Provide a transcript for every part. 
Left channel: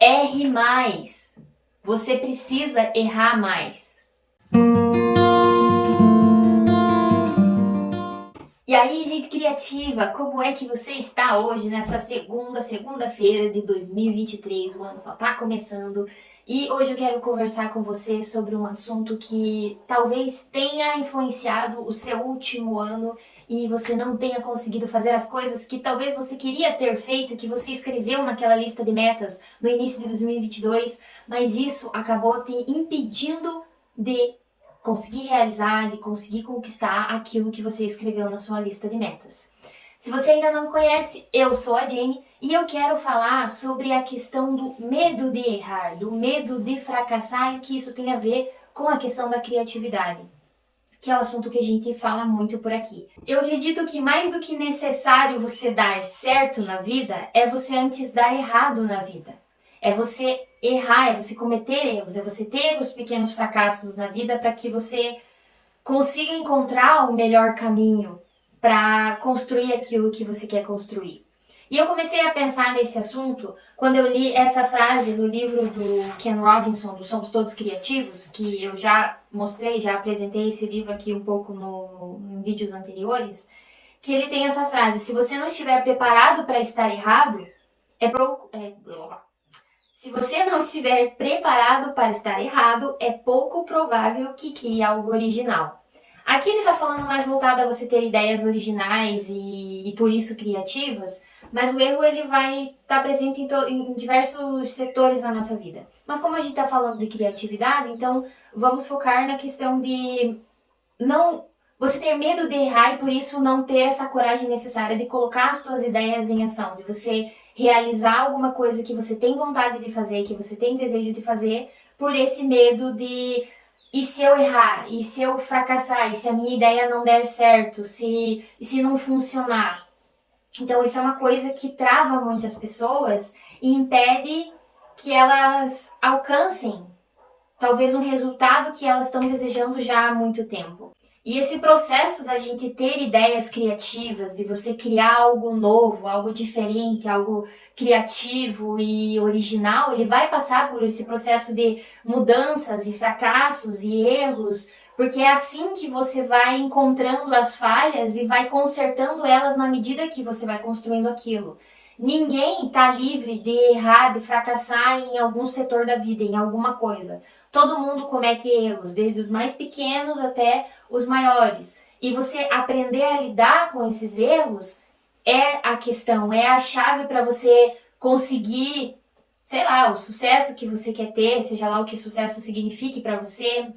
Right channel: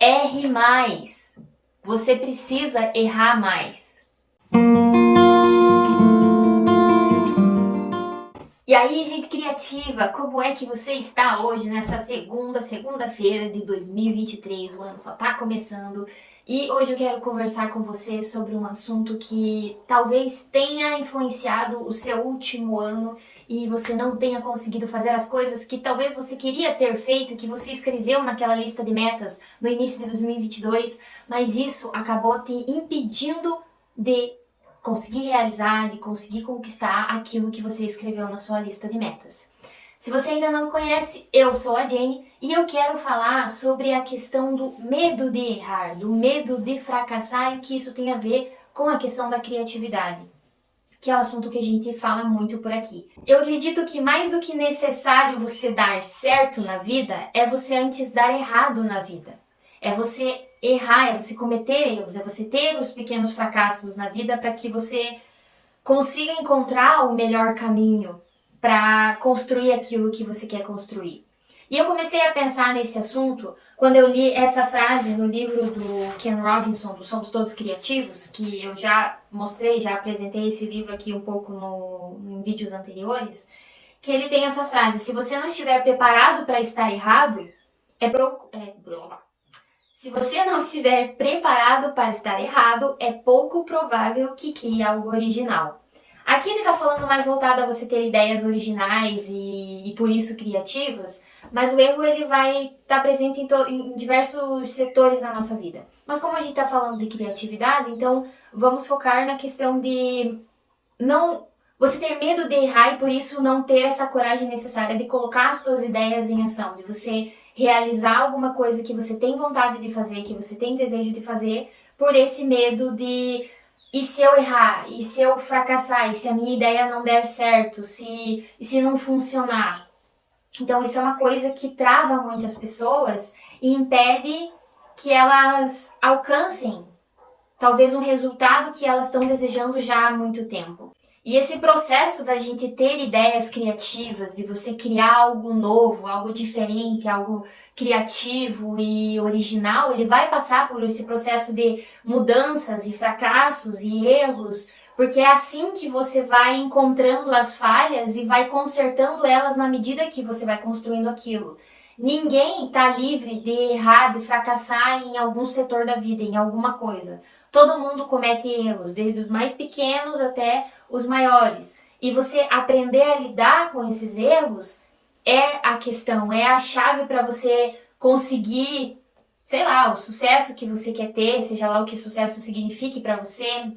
Erre mais. Você precisa errar mais. E aí, gente criativa, como é que você está hoje, nessa segunda-feira de 2023? O ano só tá começando e hoje eu quero conversar com você sobre um assunto que talvez tenha influenciado o seu último ano e você não tenha conseguido fazer as coisas que talvez você queria ter feito, que você escreveu naquela lista de metas no início de 2022, mas isso acabou te impedindo de conseguir realizar, de conseguir conquistar aquilo que você escreveu na sua lista de metas. Se você ainda não me conhece, eu sou a Jenny e eu quero falar sobre a questão do medo de errar, do medo de fracassar e que isso tem a ver com a questão da criatividade, que é o assunto que a gente fala muito por aqui. Eu acredito que mais do que necessário você dar certo na vida, é você antes dar errado na vida. É você errar, é você cometer erros, é você ter os pequenos fracassos na vida para que você consiga encontrar o melhor caminho para construir aquilo que você quer construir. E eu comecei a pensar nesse assunto quando eu li essa frase no livro do Ken Robinson, do Somos Todos Criativos, que eu já mostrei, já apresentei esse livro aqui um pouco em vídeos anteriores, que ele tem essa frase: se você não estiver preparado para estar errado, se você não estiver preparado para estar errado, é pouco provável que crie algo original. Aqui ele está falando mais voltado a você ter ideias originais e por isso criativas, mas o erro ele vai estar presente em diversos setores da nossa vida. Mas como a gente está falando de criatividade, então vamos focar na questão de não você ter medo de errar e por isso não ter essa coragem necessária de colocar as suas ideias em ação, de você realizar alguma coisa que você tem vontade de fazer, que você tem desejo de fazer, por esse medo de: e se eu errar? E se eu fracassar? E se a minha ideia não der certo? E se não funcionar? Então isso é uma coisa que trava muitas pessoas e impede que elas alcancem talvez um resultado que elas estão desejando já há muito tempo. E esse processo da gente ter ideias criativas, de você criar algo novo, algo diferente, algo criativo e original, ele vai passar por esse processo de mudanças e fracassos e erros, porque é assim que você vai encontrando as falhas e vai consertando elas na medida que você vai construindo aquilo. Ninguém está livre de errar, de fracassar em algum setor da vida, em alguma coisa. Todo mundo comete erros, desde os mais pequenos até os maiores. E você aprender a lidar com esses erros é a questão, é a chave para você conseguir, sei lá, o sucesso que você quer ter, seja lá o que sucesso signifique para você,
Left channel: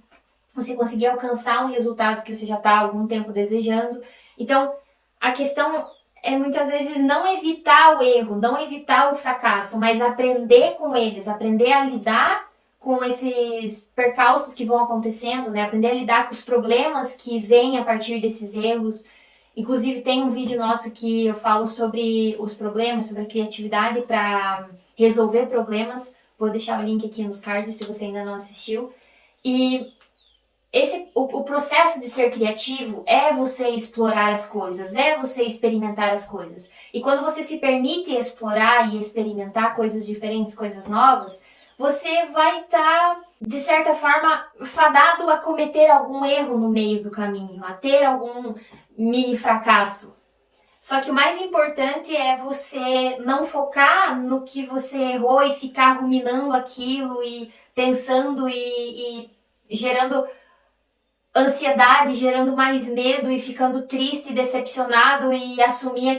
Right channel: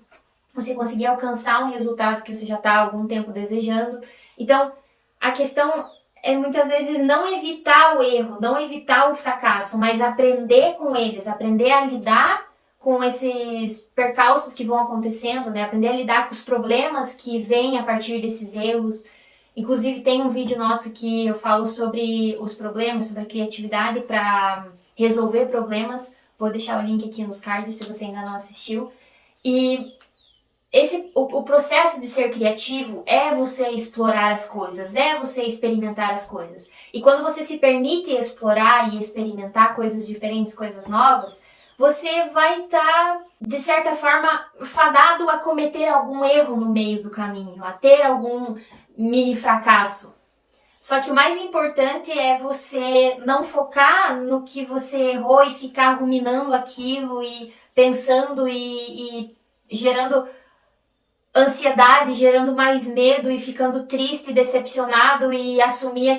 você conseguir alcançar um resultado que você já está há algum tempo desejando. Então, a questão é muitas vezes não evitar o erro, não evitar o fracasso, mas aprender com eles, aprender a lidar com esses percalços que vão acontecendo, né? Aprender a lidar com os problemas que vêm a partir desses erros. Inclusive tem um vídeo nosso que eu falo sobre os problemas, sobre a criatividade para resolver problemas. Vou deixar o link aqui nos cards se você ainda não assistiu. E o processo de ser criativo é você explorar as coisas, é você experimentar as coisas. E quando você se permite explorar e experimentar coisas diferentes, coisas novas, você vai estar, de certa forma, fadado a cometer algum erro no meio do caminho, a ter algum mini fracasso. Só que o mais importante é você não focar no que você errou e ficar ruminando aquilo e pensando e gerando ansiedade, gerando mais medo e ficando triste, decepcionado e assumir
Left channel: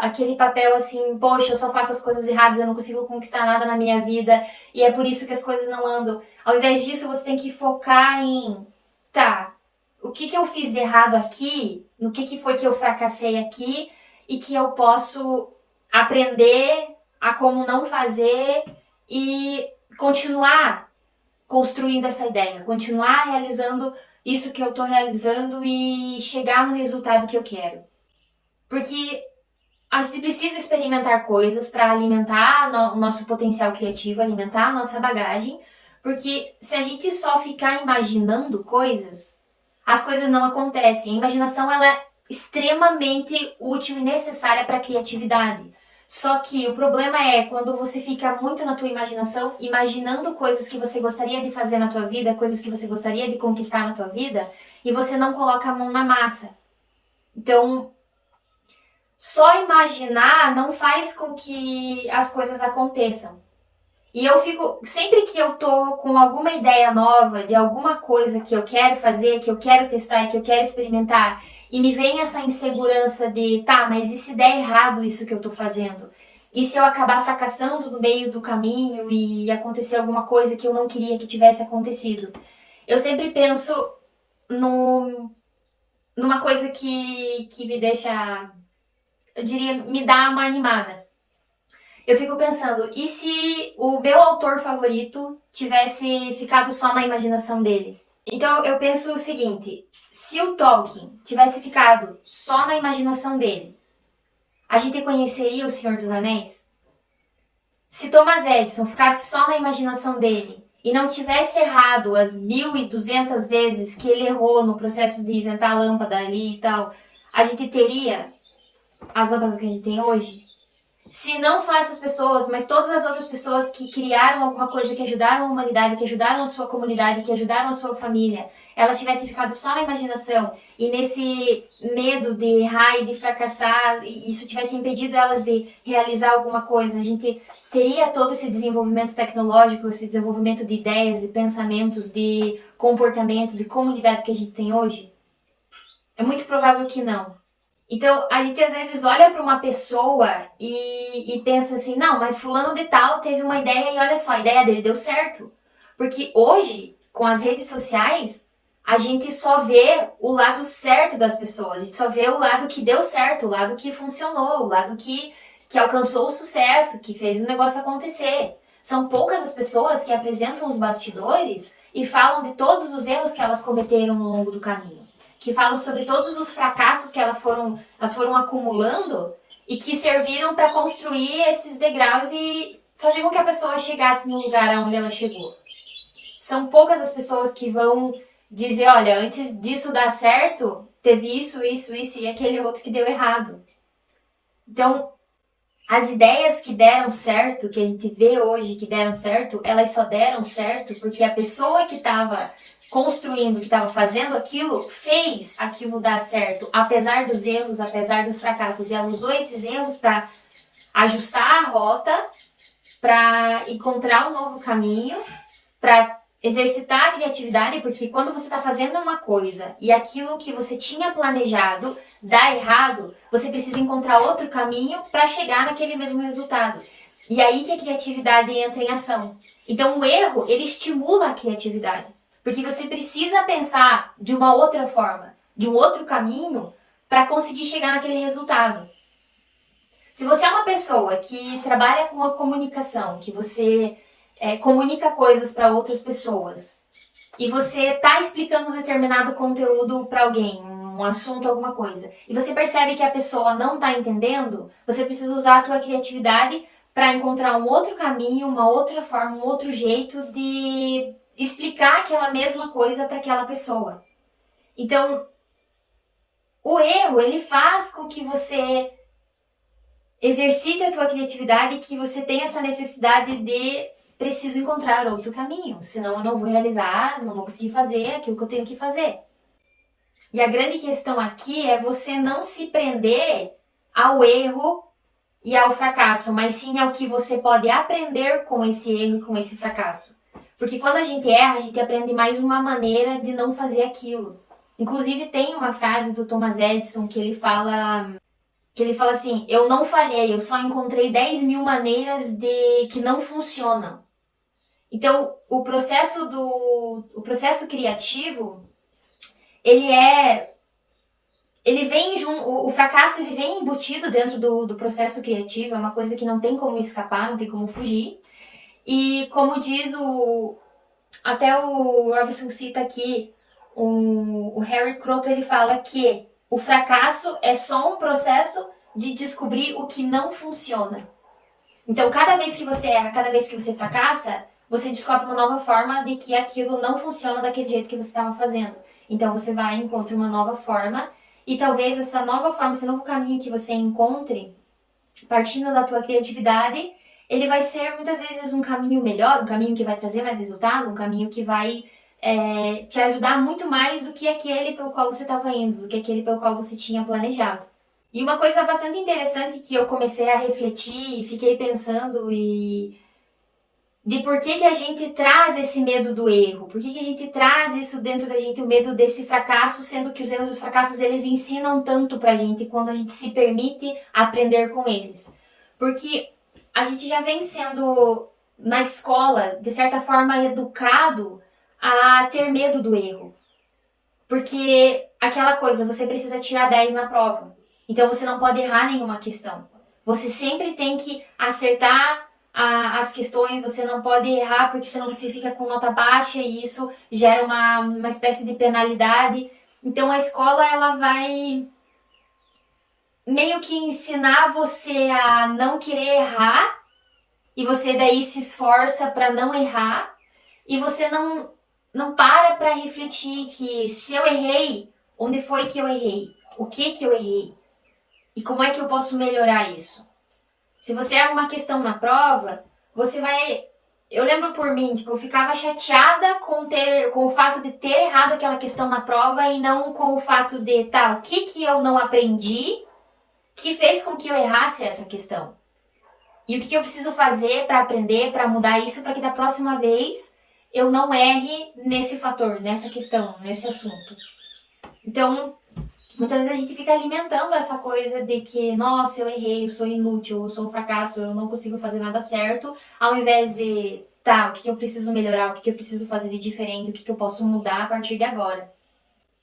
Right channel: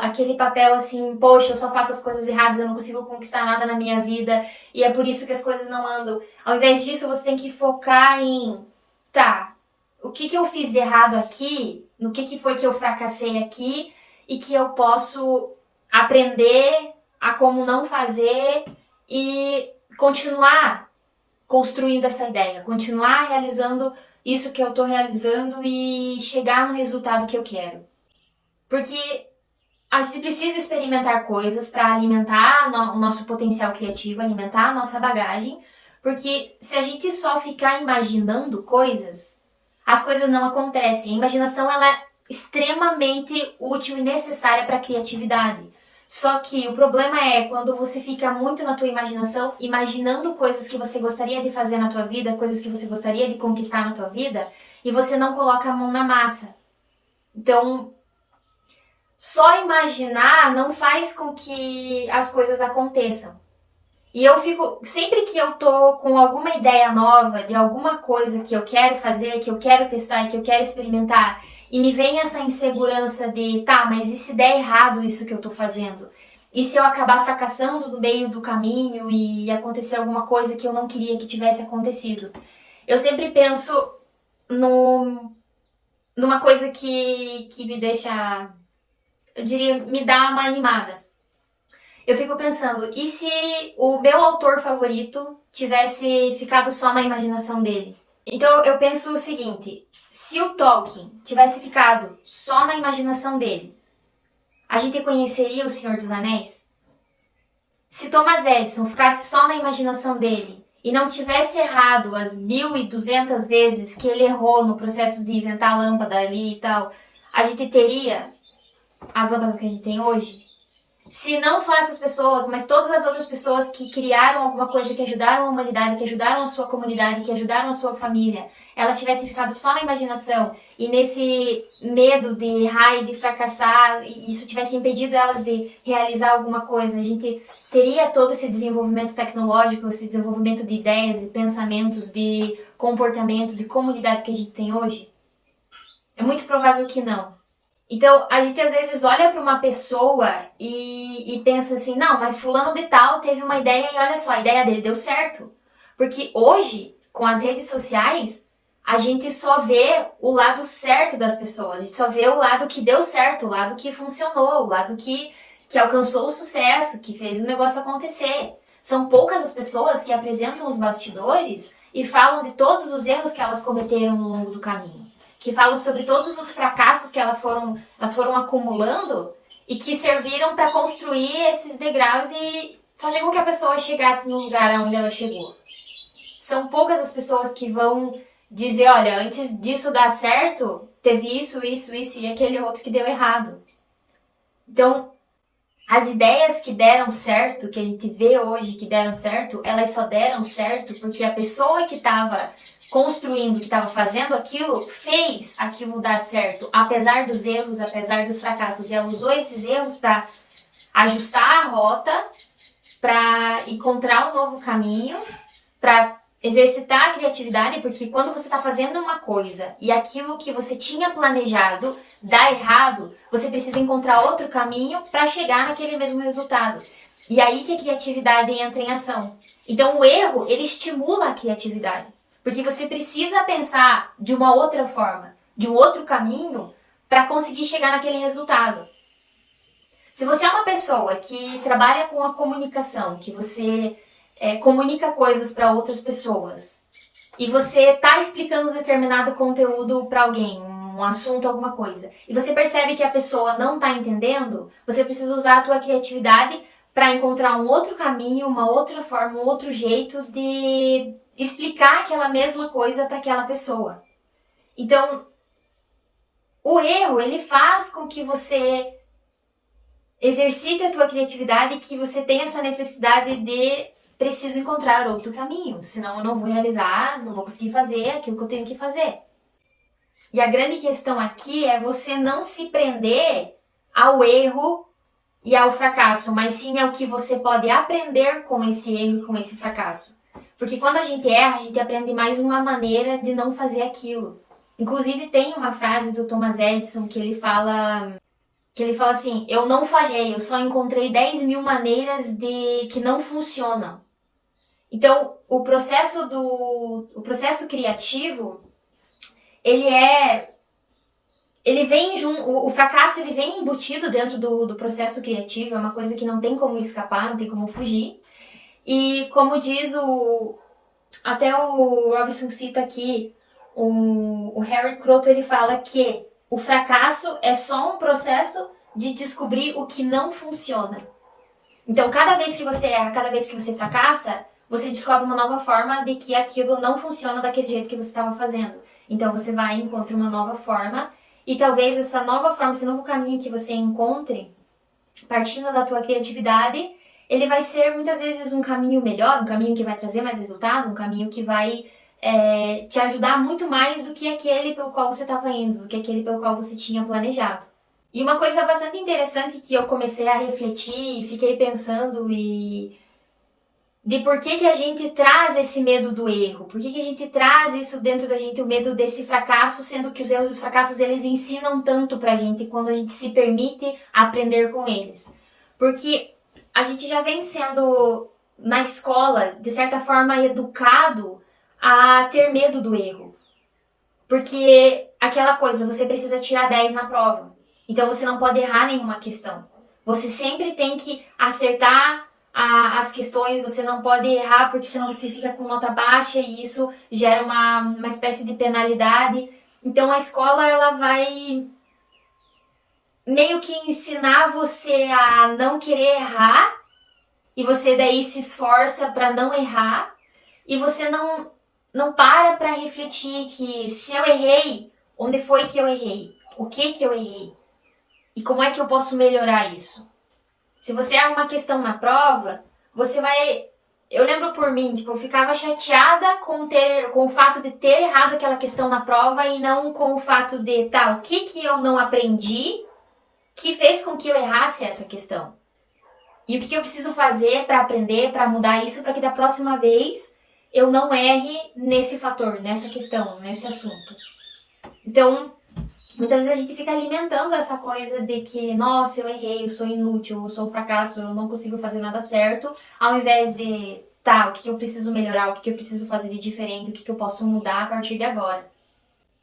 aquele papel assim: poxa, eu só faço as coisas erradas, eu não consigo conquistar nada na minha vida e é por isso que as coisas não andam. Ao invés disso, você tem que focar em: tá, o que eu fiz de errado aqui, no que foi que eu fracassei aqui e que eu posso aprender a como não fazer e continuar construindo essa ideia, continuar realizando isso que eu tô realizando e chegar no resultado que eu quero. Porque a gente precisa experimentar coisas para alimentar o nosso potencial criativo, alimentar a nossa bagagem, porque se a gente só ficar imaginando coisas, as coisas não acontecem. A imaginação ela é extremamente útil e necessária para a criatividade. Só que o problema é quando você fica muito na tua imaginação, imaginando coisas que você gostaria de fazer na tua vida, coisas que você gostaria de conquistar na tua vida, e você não coloca a mão na massa. Então, só imaginar não faz com que as coisas aconteçam. E eu fico, sempre que eu tô com alguma ideia nova de alguma coisa que eu quero fazer, que eu quero testar, que eu quero experimentar, e me vem essa insegurança de, tá, mas e se der errado isso que eu tô fazendo? E se eu acabar fracassando no meio do caminho e acontecer alguma coisa que eu não queria que tivesse acontecido? Eu sempre penso numa coisa que me deixa, eu diria, me dá uma animada. Eu fico pensando, e se o meu autor favorito tivesse ficado só na imaginação dele? Então eu penso o seguinte, se o Tolkien tivesse ficado só na imaginação dele, a gente conheceria o Senhor dos Anéis? Se Thomas Edison ficasse só na imaginação dele e não tivesse errado as 1.200 vezes que ele errou no processo de inventar a lâmpada ali e tal, a gente teria as lâmpadas que a gente tem hoje? Se não só essas pessoas, mas todas as outras pessoas que criaram alguma coisa, que ajudaram a humanidade, que ajudaram a sua comunidade, que ajudaram a sua família, elas tivessem ficado só na imaginação e nesse medo de errar e de fracassar, e isso tivesse impedido elas de realizar alguma coisa, a gente teria todo esse desenvolvimento tecnológico, esse desenvolvimento de ideias, de pensamentos, de comportamento, de comunidade que a gente tem hoje? É muito provável que não. Então, a gente às vezes olha para uma pessoa e pensa assim, não, mas fulano de tal teve uma ideia e olha só, a ideia dele deu certo. Porque hoje, com as redes sociais, a gente só vê o lado certo das pessoas, a gente só vê o lado que deu certo, o lado que funcionou, o lado que alcançou o sucesso, que fez o negócio acontecer. São poucas as pessoas que apresentam os bastidores e falam de todos os erros que elas cometeram no longo do caminho, que falam sobre todos os fracassos que elas foram acumulando e que serviram para construir esses degraus e fazer com que a pessoa chegasse no lugar onde ela chegou. São poucas as pessoas que vão dizer, olha, antes disso dar certo, teve isso e aquele outro que deu errado. Então, as ideias que deram certo, que a gente vê hoje que deram certo, elas só deram certo porque a pessoa que estava construindo, que estava fazendo aquilo, fez aquilo dar certo, apesar dos erros, apesar dos fracassos. E ela usou esses erros para ajustar a rota, para encontrar um novo caminho, para exercitar a criatividade, porque quando você está fazendo uma coisa e aquilo que você tinha planejado dá errado, você precisa encontrar outro caminho para chegar naquele mesmo resultado. E aí que a criatividade entra em ação. Então o erro, ele estimula a criatividade. Porque você precisa pensar de uma outra forma, de um outro caminho, para conseguir chegar naquele resultado. Se você é uma pessoa que trabalha com a comunicação, que você comunica coisas para outras pessoas, e você está explicando um determinado conteúdo para alguém, um assunto, alguma coisa, e você percebe que a pessoa não está entendendo, você precisa usar a tua criatividade para encontrar um outro caminho, uma outra forma, um outro jeito de explicar aquela mesma coisa para aquela pessoa. Então, o erro, ele faz com que você exercite a tua criatividade, que você tenha essa necessidade de preciso encontrar outro caminho, senão eu não vou realizar, não vou conseguir fazer aquilo que eu tenho que fazer. E a grande questão aqui é você não se prender ao erro e ao fracasso, mas sim ao que você pode aprender com esse erro e com esse fracasso. Porque quando a gente erra, a gente aprende mais uma maneira de não fazer aquilo. Inclusive tem uma frase do Thomas Edison que ele fala assim, eu não falhei, eu só encontrei 10.000 maneiras que não funcionam. Então, o processo criativo, o fracasso ele vem embutido dentro do processo criativo, é uma coisa que não tem como escapar, não tem como fugir. E como diz até o Robinson cita aqui, o Harry Croto, ele fala que o fracasso é só um processo de descobrir o que não funciona. Então, cada vez que você erra, cada vez que você fracassa, você descobre uma nova forma de que aquilo não funciona daquele jeito que você estava fazendo. Então, você vai e encontra uma nova forma, e talvez essa nova forma, esse novo caminho que você encontre, partindo da tua criatividade, ele vai ser muitas vezes um caminho melhor, um caminho que vai trazer mais resultado, um caminho que vai te ajudar muito mais do que aquele pelo qual você estava indo, do que aquele pelo qual você tinha planejado. E uma coisa bastante interessante que eu comecei a refletir e fiquei pensando de por que a gente traz esse medo do erro, por que a gente traz isso dentro da gente, o medo desse fracasso, sendo que os erros e os fracassos eles ensinam tanto pra gente quando a gente se permite aprender com eles. Porque a gente já vem sendo, na escola, de certa forma, educado a ter medo do erro. Porque aquela coisa, você precisa tirar 10 na prova. Então você não pode errar nenhuma questão. Você sempre tem que acertar as questões, você não pode errar porque senão você fica com nota baixa e isso gera uma espécie de penalidade. Então a escola ela vai meio que ensinar você a não querer errar e você daí se esforça para não errar e você não para refletir que se eu errei, onde foi que eu errei? O que eu errei? E como é que eu posso melhorar isso? Se você erra uma questão na prova, você vai... Eu lembro por mim, tipo, eu ficava chateada com o fato de ter errado aquela questão na prova e não com o fato de, tá, o que eu não aprendi que fez com que eu errasse essa questão? E o que eu preciso fazer para aprender, para mudar isso, para que da próxima vez eu não erre nesse fator, nessa questão, nesse assunto. Então, muitas vezes a gente fica alimentando essa coisa de que, nossa, eu errei, eu sou inútil, eu sou um fracasso, eu não consigo fazer nada certo, ao invés de, tá, o que eu preciso melhorar, o que eu preciso fazer de diferente, o que eu posso mudar a partir de agora.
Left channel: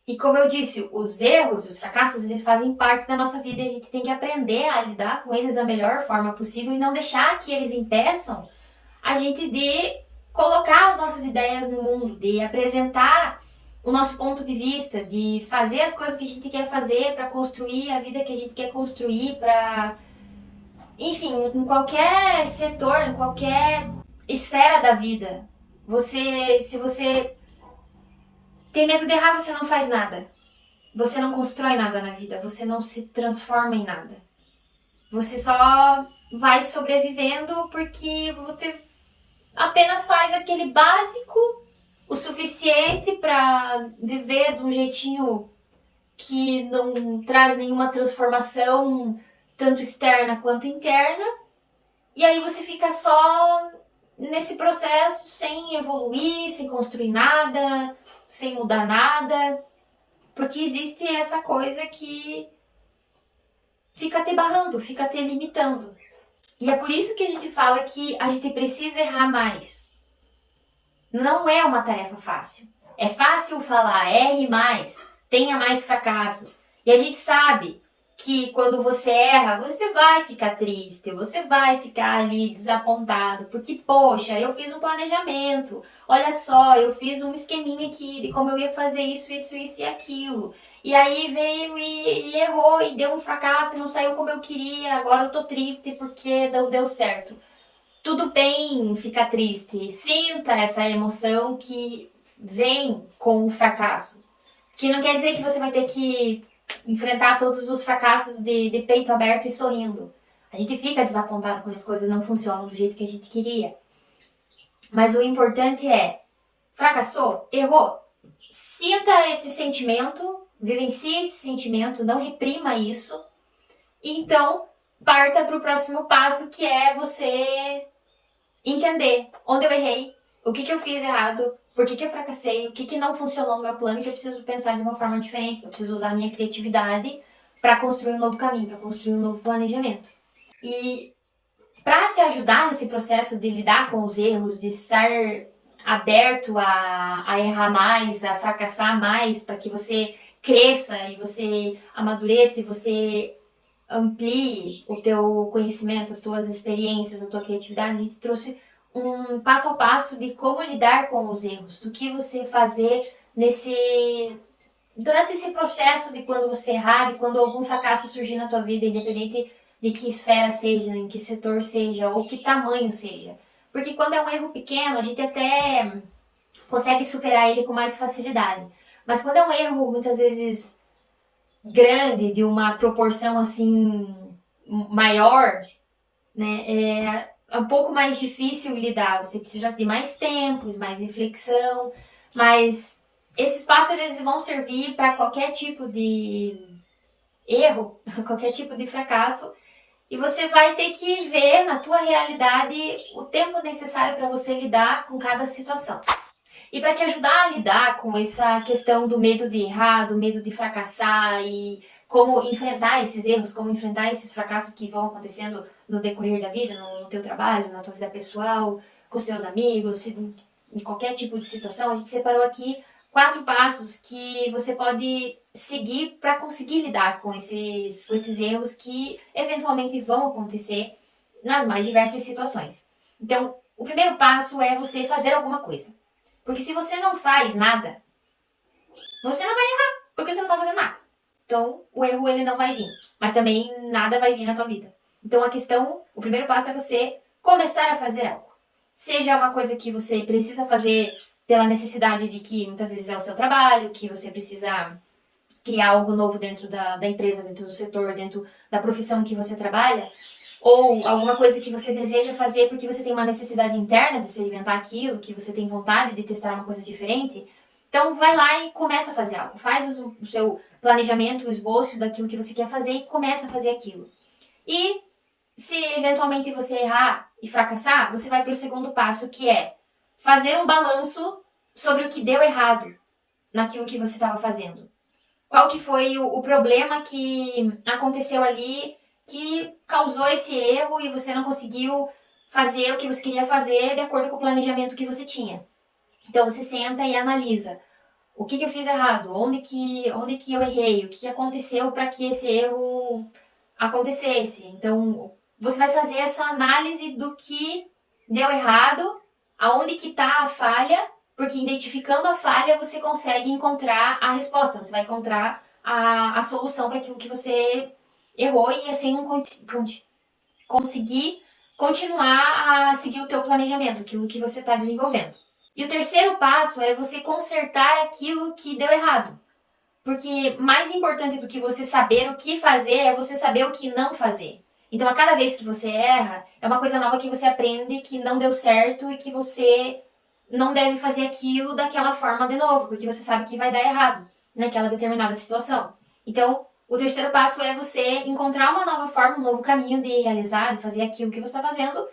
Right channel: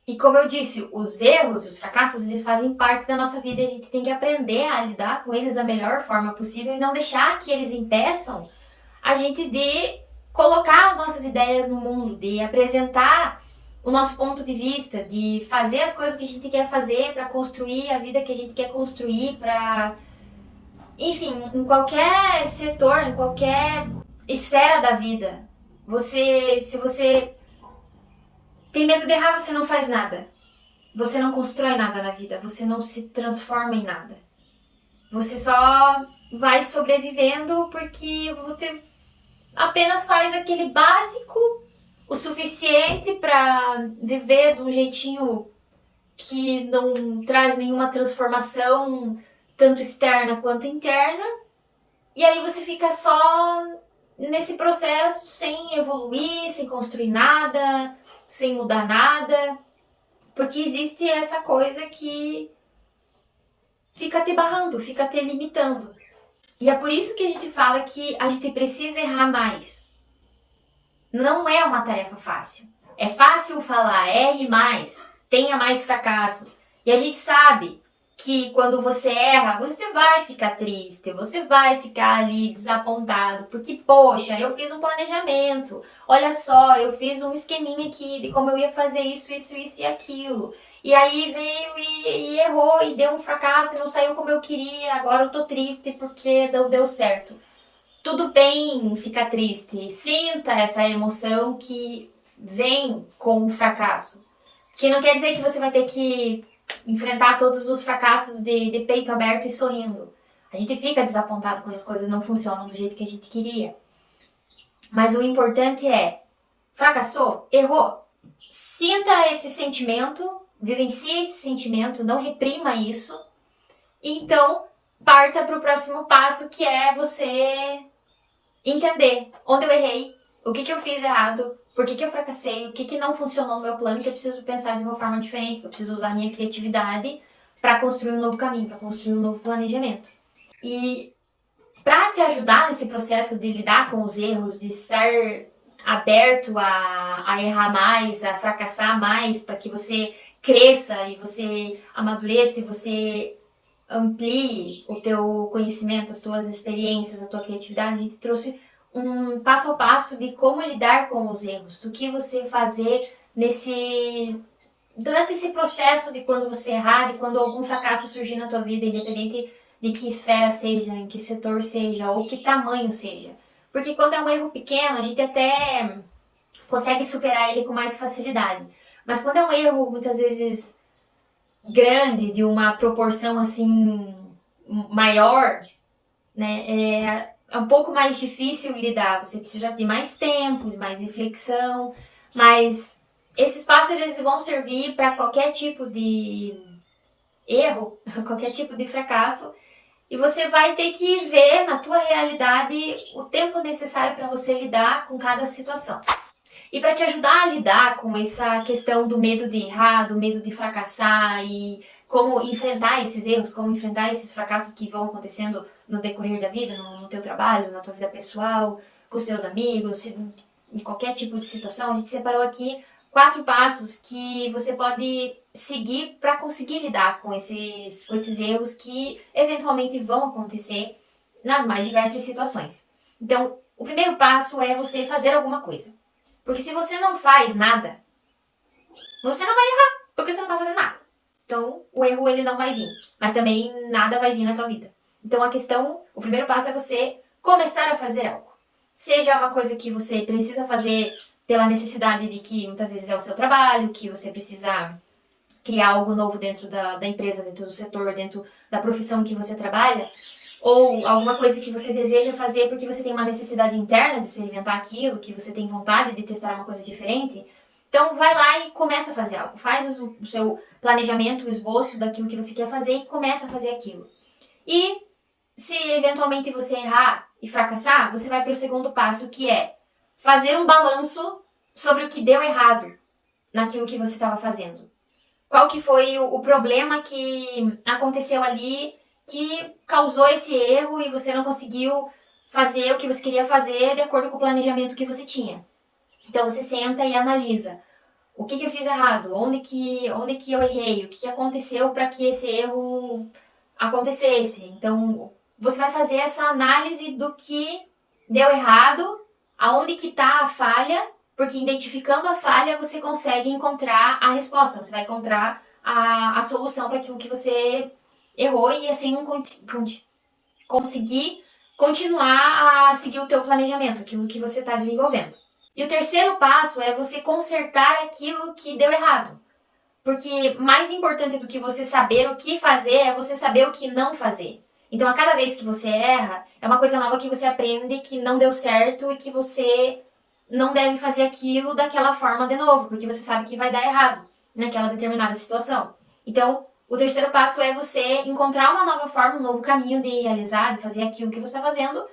E como eu disse, os erros, os fracassos, eles fazem parte da nossa vida e a gente tem que aprender a lidar com eles da melhor forma possível e não deixar que eles impeçam a gente de colocar as nossas ideias no mundo, de apresentar o nosso ponto de vista, de fazer as coisas que a gente quer fazer para construir a vida que a gente quer construir, para, enfim, em qualquer setor, em qualquer esfera da vida. Se você tem medo de errar, você não faz nada. Você não constrói nada na vida, você não se transforma em nada. Você só vai sobrevivendo porque você apenas faz aquele básico o suficiente para viver de um jeitinho que não traz nenhuma transformação, tanto externa quanto interna. E aí você fica só nesse processo sem evoluir, sem construir nada, sem mudar nada. Porque existe essa coisa que fica te barrando, fica te limitando. E é por isso que a gente fala que a gente precisa errar mais. Não é uma tarefa fácil. É fácil falar, erre mais, tenha mais fracassos. E a gente sabe que quando você erra, você vai ficar triste, você vai ficar ali desapontado, porque, poxa, eu fiz um planejamento, olha só, eu fiz um esqueminha aqui de como eu ia fazer isso, isso, isso e aquilo. E aí veio e errou e deu um fracasso e não saiu como eu queria, agora eu tô triste porque não deu certo. Tudo bem ficar triste, sinta essa emoção que vem com o fracasso. Que não quer dizer que você vai ter que enfrentar todos os fracassos de peito aberto e sorrindo. A gente fica desapontado quando as coisas não funcionam do jeito que a gente queria. Mas o importante é, fracassou, errou. Sinta esse sentimento, vivencie esse sentimento, não reprima isso. E então, parta para o próximo passo, que é você entender onde eu errei, o que eu fiz errado, por que eu fracassei, o que não funcionou no meu plano, que eu preciso pensar de uma forma diferente, que eu preciso usar a minha criatividade para construir um novo caminho, para construir um novo planejamento. E para te ajudar nesse processo de lidar com os erros, de estar aberto a errar mais, a fracassar mais, para que você cresça e você amadureça e você amplie o teu conhecimento, as tuas experiências, a tua criatividade, a gente trouxe um passo a passo de como lidar com os erros, do que você fazer durante esse processo de quando você errar, de quando algum fracasso surgir na tua vida, independente de que esfera seja, em que setor seja, ou que tamanho seja. Porque quando é um erro pequeno, a gente até consegue superar ele com mais facilidade. Mas quando é um erro, muitas vezes, grande, de uma proporção, assim, maior, né, é um pouco mais difícil lidar. Você precisa de mais tempo, de mais reflexão, mas esses passos eles vão servir para qualquer tipo de erro, qualquer tipo de fracasso, e você vai ter que ver na tua realidade o tempo necessário para você lidar com cada situação. E para te ajudar a lidar com essa questão do medo de errar, do medo de fracassar e como enfrentar esses erros, como enfrentar esses fracassos que vão acontecendo no decorrer da vida, no teu trabalho, na tua vida pessoal, com os teus amigos, em qualquer tipo de situação, a gente separou aqui 4 passos que você pode seguir para conseguir lidar com esses erros que eventualmente vão acontecer nas mais diversas situações. Então, o primeiro passo é você fazer alguma coisa. Porque se você não faz nada, você não vai errar, porque você não está fazendo nada. Então, o erro ele não vai vir, mas também nada vai vir na tua vida. Então, o primeiro passo é você começar a fazer algo. Seja uma coisa que você precisa fazer pela necessidade de que muitas vezes é o seu trabalho, que você precisa criar algo novo dentro da empresa, dentro do setor, dentro da profissão que você trabalha, ou alguma coisa que você deseja fazer porque você tem uma necessidade interna de experimentar aquilo, que você tem vontade de testar uma coisa diferente. Então vai lá e começa a fazer algo. Faz o seu planejamento, o esboço daquilo que você quer fazer e começa a fazer aquilo. E se eventualmente você errar e fracassar, você vai para o segundo passo, que é fazer um balanço sobre o que deu errado naquilo que você estava fazendo. Qual que foi o problema que aconteceu ali que causou esse erro e você não conseguiu fazer o que você queria fazer de acordo com o planejamento que você tinha. Então você senta e analisa. O que eu fiz errado? Onde que eu errei? O que aconteceu para que esse erro acontecesse? Então você vai fazer essa análise do que deu errado, aonde que está a falha, porque identificando a falha você consegue encontrar a resposta, você vai encontrar a solução para aquilo que você errou e assim conseguir continuar a seguir o teu planejamento, aquilo que você está desenvolvendo. E o terceiro passo é você consertar aquilo que deu errado. Porque mais importante do que você saber o que fazer é você saber o que não fazer. Então, a cada vez que você erra, é uma coisa nova que você aprende que não deu certo e que você não deve fazer aquilo daquela forma de novo, porque você sabe que vai dar errado naquela determinada situação. Então, o terceiro passo é você encontrar uma nova forma, um novo caminho de realizar, de fazer aquilo que você está fazendo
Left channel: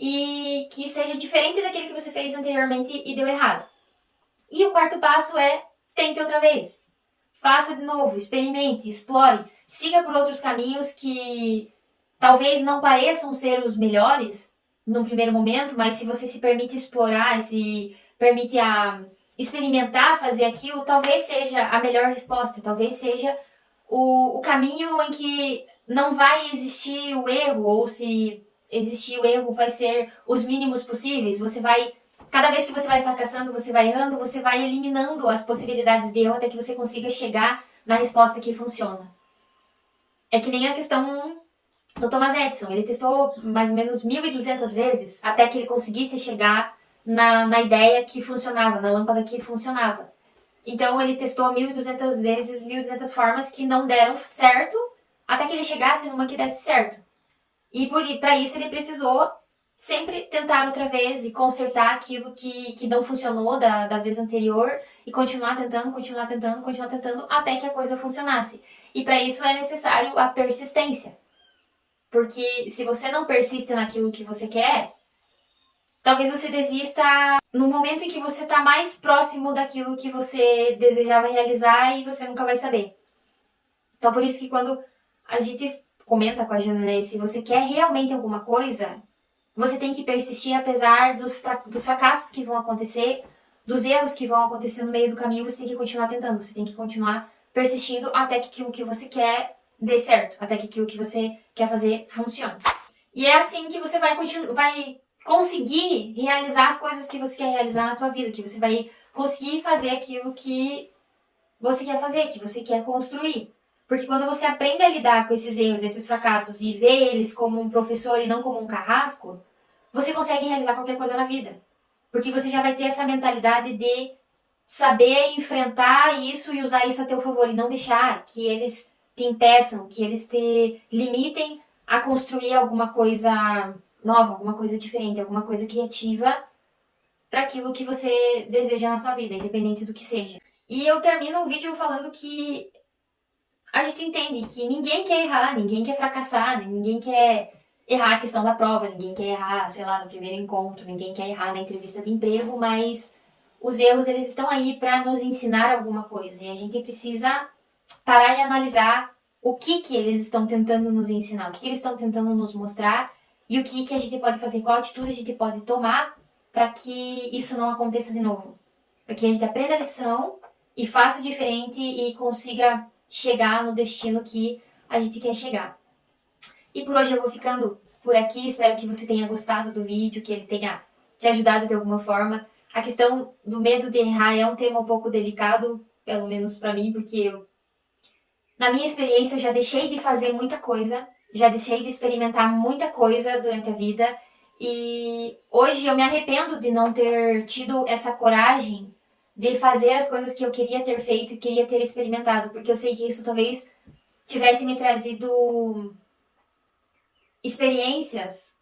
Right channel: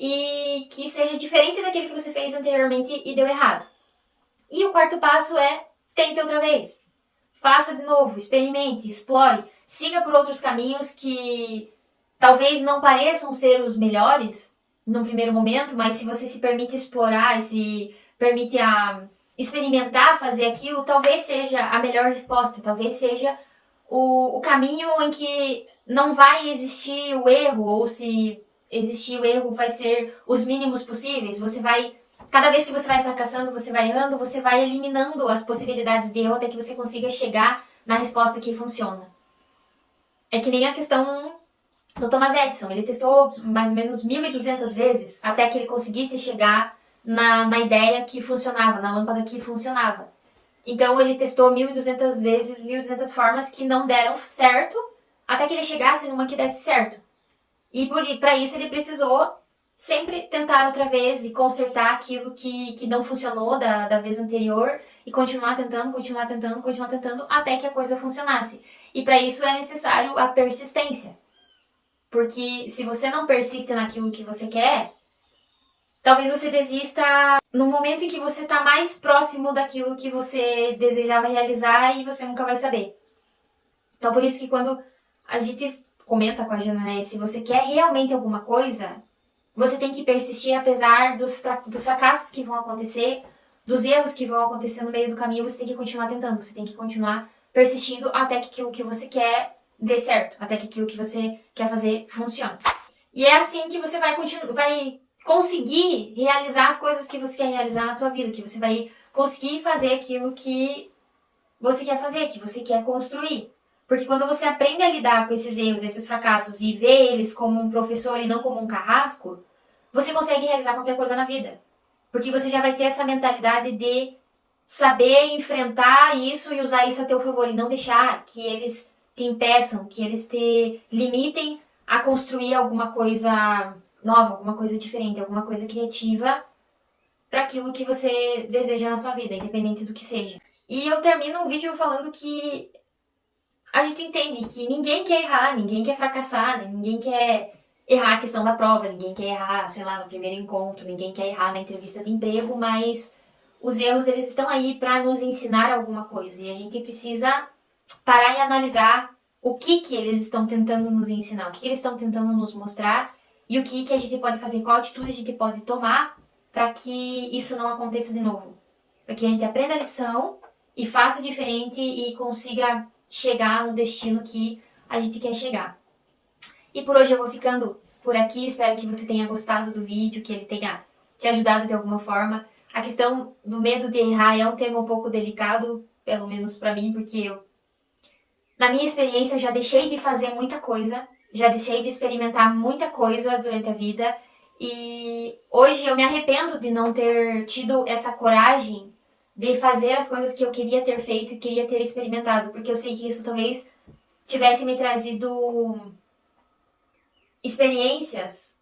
e que seja diferente daquele que você fez anteriormente e deu errado. E o quarto passo é tente outra vez. Faça de novo, experimente, explore, siga por outros caminhos que talvez não pareçam ser os melhores num primeiro momento, mas se você se permite explorar, se permite experimentar fazer aquilo, talvez seja a melhor resposta, talvez seja o caminho em que não vai existir o erro, ou se existir o erro vai ser os mínimos possíveis. Cada vez que você vai fracassando, você vai errando, você vai eliminando as possibilidades de erro até que você consiga chegar na resposta que funciona. É que nem a questão do Thomas Edison. Ele testou mais ou menos 1.200 vezes até que ele conseguisse chegar na ideia que funcionava, na lâmpada que funcionava. Então ele testou 1.200 vezes, 1.200 formas que não deram certo até que ele chegasse numa que desse certo. E para isso ele precisou sempre tentar outra vez e consertar aquilo que não funcionou da vez anterior e continuar tentando, até que a coisa funcionasse. E para isso é necessário a persistência. Porque se você não persiste naquilo que você quer, talvez você desista no momento em que você está mais próximo daquilo que você desejava realizar e você nunca vai saber. Então por isso que quando a gente comenta com a Jana, né, se você quer realmente alguma coisa, você tem que persistir apesar dos fracassos que vão acontecer, dos erros que vão acontecer no meio do caminho, você tem que continuar tentando, você tem que continuar persistindo até que aquilo que você quer dê certo, até que aquilo que você quer fazer funcione. E é assim que você vai conseguir realizar as coisas que você quer realizar na tua vida, que você vai conseguir fazer aquilo que você quer fazer, que você quer construir. Porque quando você aprende a lidar com esses erros, esses fracassos e vê eles como um professor e não como um carrasco, você consegue realizar qualquer coisa na vida. Porque você já vai ter essa mentalidade de saber enfrentar isso e usar isso a teu favor e não deixar que eles te impeçam, que eles te limitem a construir alguma coisa nova, alguma coisa diferente, alguma coisa criativa para aquilo que você deseja na sua vida, independente do que seja. E eu termino o vídeo falando que a gente entende que ninguém quer errar, ninguém quer fracassar, ninguém quer errar a questão da prova, ninguém quer errar, sei lá, no primeiro encontro, ninguém quer errar na entrevista de emprego, mas os erros, eles estão aí para nos ensinar alguma coisa. E a gente precisa parar e analisar o que eles estão tentando nos ensinar, o que eles estão tentando nos mostrar e o que a gente pode fazer, qual atitude a gente pode tomar para que isso não aconteça de novo. Para que a gente aprenda a lição e faça diferente e consiga chegar no destino que a gente quer chegar. E por hoje eu vou ficando por aqui, espero que você tenha gostado do vídeo, que ele tenha te ajudado de alguma forma. A questão do medo de errar é um tema um pouco delicado, pelo menos para mim, porque na minha experiência eu já deixei de fazer muita coisa, já deixei de experimentar muita coisa durante a vida e hoje eu me arrependo de não ter tido essa coragem de fazer as coisas que eu queria ter feito e queria ter experimentado, porque eu sei que isso talvez tivesse me trazido experiências,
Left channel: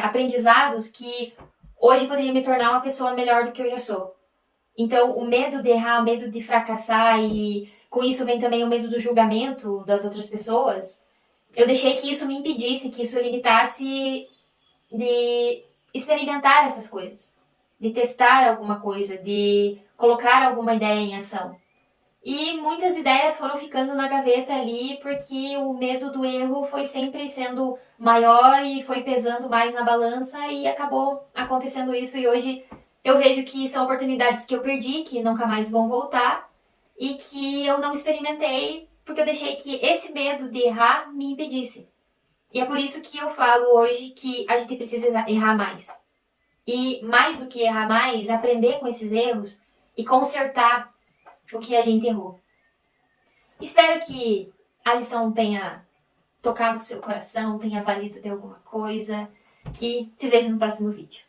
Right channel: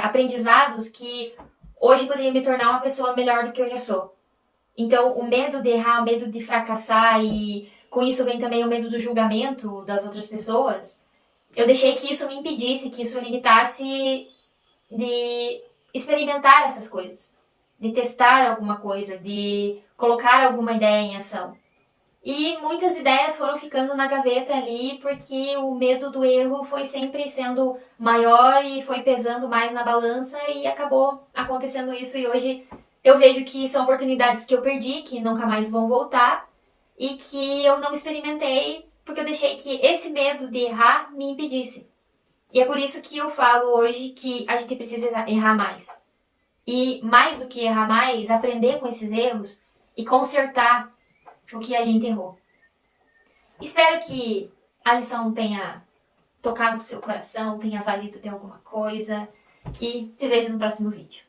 aprendizados que hoje poderia me tornar uma pessoa melhor do que eu já sou. Então, o medo de errar, o medo de fracassar e com isso vem também o medo do julgamento das outras pessoas, eu deixei que isso me impedisse, que isso limitasse de experimentar essas coisas, de testar alguma coisa, de colocar alguma ideia em ação. E muitas ideias foram ficando na gaveta ali porque o medo do erro foi sempre sendo maior e foi pesando mais na balança e acabou acontecendo isso. E hoje eu vejo que são oportunidades que eu perdi, que nunca mais vão voltar e que eu não experimentei porque eu deixei que esse medo de errar me impedisse. E é por isso que eu falo hoje que a gente precisa errar mais. E mais do que errar mais, aprender com esses erros e consertar o que a gente errou. Espero que a lição tenha tocado o seu coração, tenha valido de alguma coisa e te vejo no próximo vídeo.